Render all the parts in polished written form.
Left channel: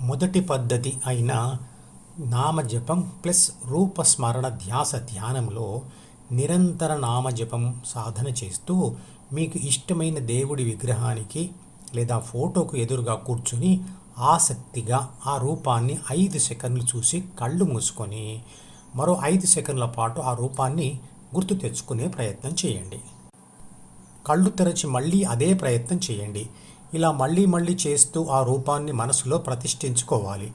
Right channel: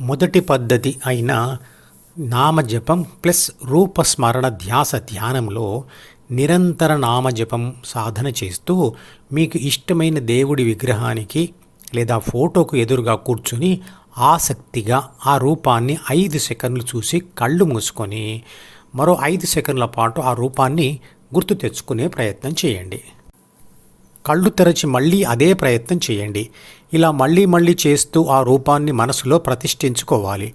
మొదటి పద్ధతి అయిన నామజపం ప్లస్ రూపస్మరణ ధ్యాస ధ్యానంలో నిరంతర నామజపం సాధన చేస్తూ మీకు ఇష్టమైన దేవుడి విగ్రహానికి లేదా ఫోటోకు ఎదురుగా కూర్చుని ఆసక్తిగా ఆ రూపాన్ని 5 సెకండ్లు చూసి కళ్ళు మూసుకొని మరో 5 సెకండ్ల పాటు ఆ రూపాన్ని గుర్తు తెచ్చుకునే ప్రయత్నం చేయండి. కళ్ళు తెరచి మళ్ళీ అదే ప్రయత్నం చేయండి. ఇలా మళ్ళీ చేస్తూ ఆ రూపాన్ని మనసులో ప్రతిష్ఠించుకోవాలి.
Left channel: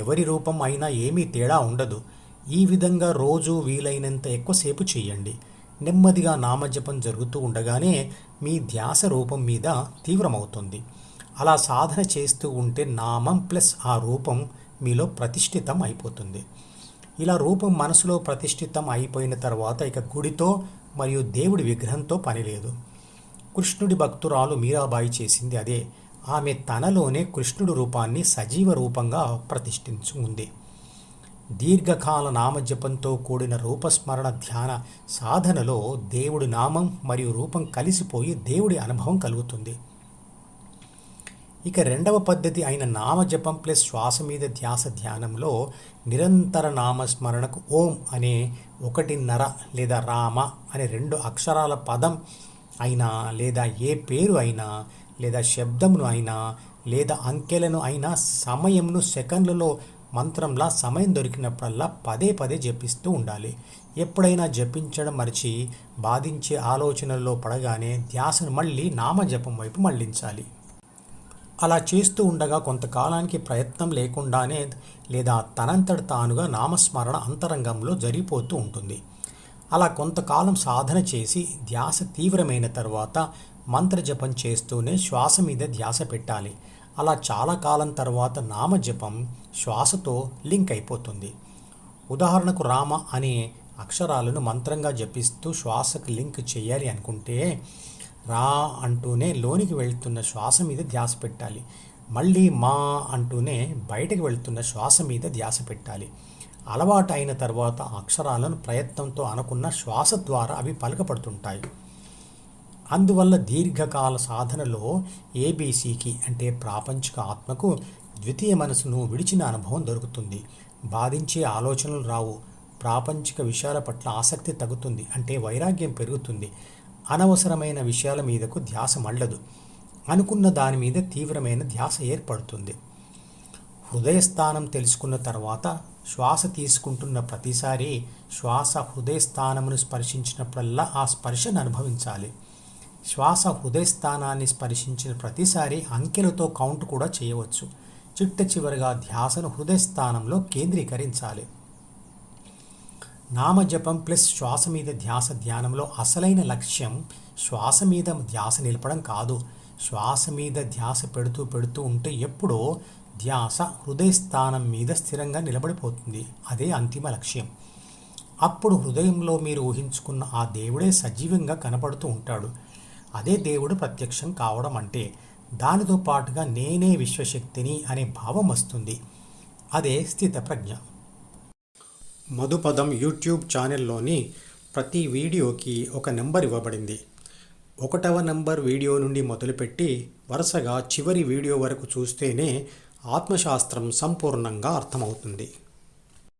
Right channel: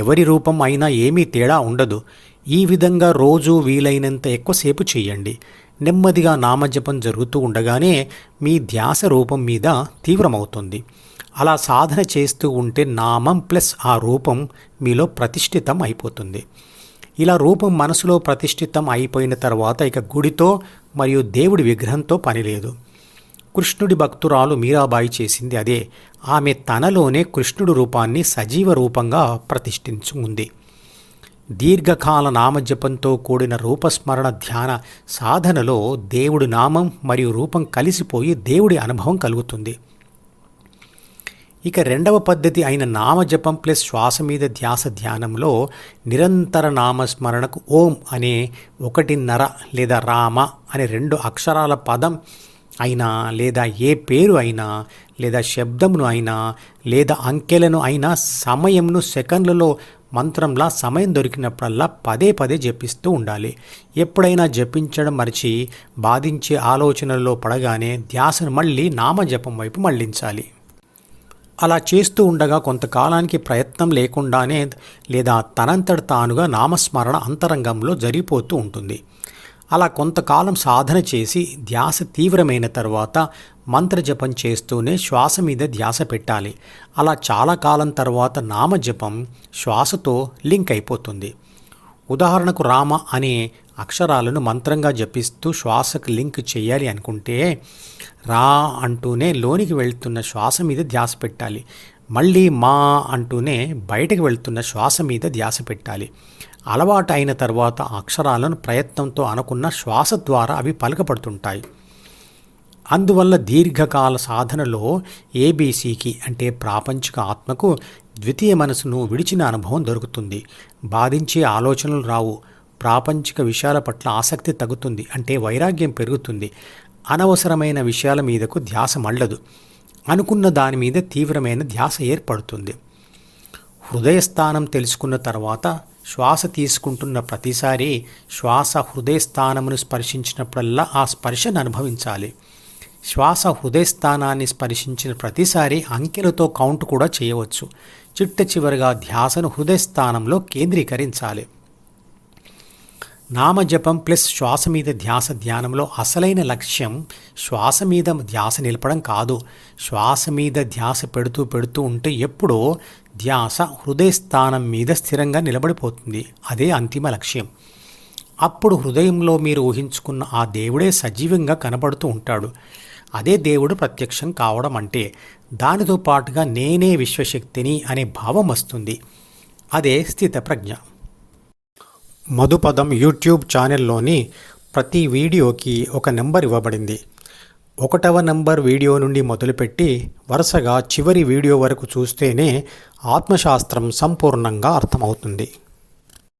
ఎవరి రూపం అయినా ఏమీ తేడా ఉండదు. ఈ విధంగా రోజు వీలైనంత ఎక్కువసేపు చేయండి. నెమ్మదిగా నామజపం జరుగుతూ ఉండగానే మీ ధ్యాస రూపం మీద తీవ్రమవుతుంది. అలా సాధన చేస్తూ ఉంటే నామం ప్లస్ ఆ రూపం మీలో ప్రతిష్ఠితం అయిపోతుంది. ఇలా రూపం మనసులో ప్రతిష్ఠితం అయిపోయిన తర్వాత ఇక గుడితో మరియు దేవుడి విగ్రహంతో పని లేదు. కృష్ణుడి భక్తురాలు మీరాబాయి చేసింది అదే. ఆమె తనలోనే కృష్ణుడి రూపాన్ని సజీవ రూపంగా ప్రతిష్ఠించుకుంది. దీర్ఘకాల నామజపంతో కూడిన రూపస్మరణ ధ్యాన సాధనలో దేవుడి నామం మరియు రూపం కలిసిపోయి దేవుడి అనుభవం కలుగుతుంది. ఇక రెండవ పద్ధతి అయిన నామజపం ప్లస్ శ్వాస మీద ధ్యాస ధ్యానంలో నిరంతర నామస్మరణకు ఓం అనే 1.5 లేదా రామ అనే 2 అక్షరాల పదం అయినా లేదా ఏ పేరు అయినా లేదా శబ్దమును అయినా లేదా అంకెలను అయినా సమయంను సెకండ్లలో మంత్రంలా సమయం దొరికినప్పుడల్లా పదే జపిస్తూ ఉండాలి. ఎప్పుడైనా జపించడం మరిచి బాధించే ఆలోచనల్లో పడగానే ధ్యాసను మళ్ళీ నామజపం వైపు మళ్లించాలి. అలా చేస్తూ ఉండగా కొంతకాలానికి ప్రయత్నం లేకుండానే లేదా తనంతట తానుగా నామస్మరణ అంతరంగంలో జరిగిపోతూ ఉంటుంది. అలా కొంతకాలం సాధన చేసి ధ్యాస తీవ్రమైన తర్వాత మంత్రజపం చేస్తూనే శ్వాస మీద ధ్యాస పెట్టాలి. అలా చాలా కాలం తర్వాత నామజపం శ్వాసతో లింక్ అయిపోతుంది. ఉదాహరణకు రామ అనే అక్షరాలను మంత్రంగా జపిస్తూ శ్వాసకు లింక్ చేయాలి అనుకుంటే రా అంటూనే లోనికి వెళ్తున్న శ్వాస మీద ధ్యాస పెట్టాలి. మళ్ళీ మా అంటూనే బయటకు వెళ్తున్న శ్వాస మీద ధ్యాస పెట్టాలి. అలవాటు అయిన తర్వాత అక్షరాలను ప్రయత్నంతో అనుకున్న శ్వాస ద్వారా అవి పలకపడుతుంటాయి. అందువల్ల దీర్ఘకాల సాధనలో ఏబీసీకి అంటే ప్రాపంచిక ఆత్మకు ద్వితీయ మనసును విడిచిన అనుభవం దొరుకుతుంది. బాధించే ఆలోచనలు రావు. ప్రాపంచిక విషయాల పట్ల ఆసక్తి తగ్గుతుంది, అంటే వైరాగ్యం పెరుగుతుంది. అనవసరమైన విషయాల మీదకు ధ్యాస మళ్ళదు. అనుకున్న దాని మీద తీవ్రమైన ధ్యాస ఏర్పడుతుంది. హృదయస్థానం తెలుసుకున్న తర్వాత శ్వాస తీసుకుంటున్న ప్రతిసారి శ్వాస హృదయస్థానమును స్పర్శించినప్పుడల్లా ఆ స్పర్శను అనుభవించాలి. శ్వాస హృదయస్థానాన్ని స్పర్శించిన ప్రతిసారి అంకెలతో కౌంట్ కూడా చేయవచ్చు. చిట్ట చివరిగా ధ్యాసను హృదయస్థానంలో కేంద్రీకరించాలి. నామజపం ప్లస్ శ్వాస మీద ధ్యాస ధ్యానంలో అసలైన లక్ష్యం శ్వాస మీద ధ్యాస నిలపడం కాదు. శ్వాస మీద ధ్యాస పెడుతూ ఉంటే ఎప్పుడో ధ్యాస హృదయస్థానం మీద స్థిరంగా నిలబడిపోతుంది. అదే అంతిమ లక్ష్యం. అప్పుడు హృదయంలో మీరు ఊహించుకున్న ఆ దేవుడే సజీవంగా కనబడుతూ ఉంటాడు. అదే దేవుడు ప్రత్యక్షం కావడం అంటే. దానితో పాటుగా నేనే విశ్వశక్తిని అనే భావం వస్తుంది. అదే స్థితప్రజ్ఞ. మధుపదం యూట్యూబ్ ఛానల్లోని ప్రతి వీడియోకి ఒక నెంబర్ ఇవ్వబడింది. 1వ నెంబర్ వీడియో నుండి మొదలుపెట్టి వరుసగా చివరి వీడియో వరకు చూస్తేనే ఆత్మశాస్త్రం సంపూర్ణంగా అర్థమవుతుంది.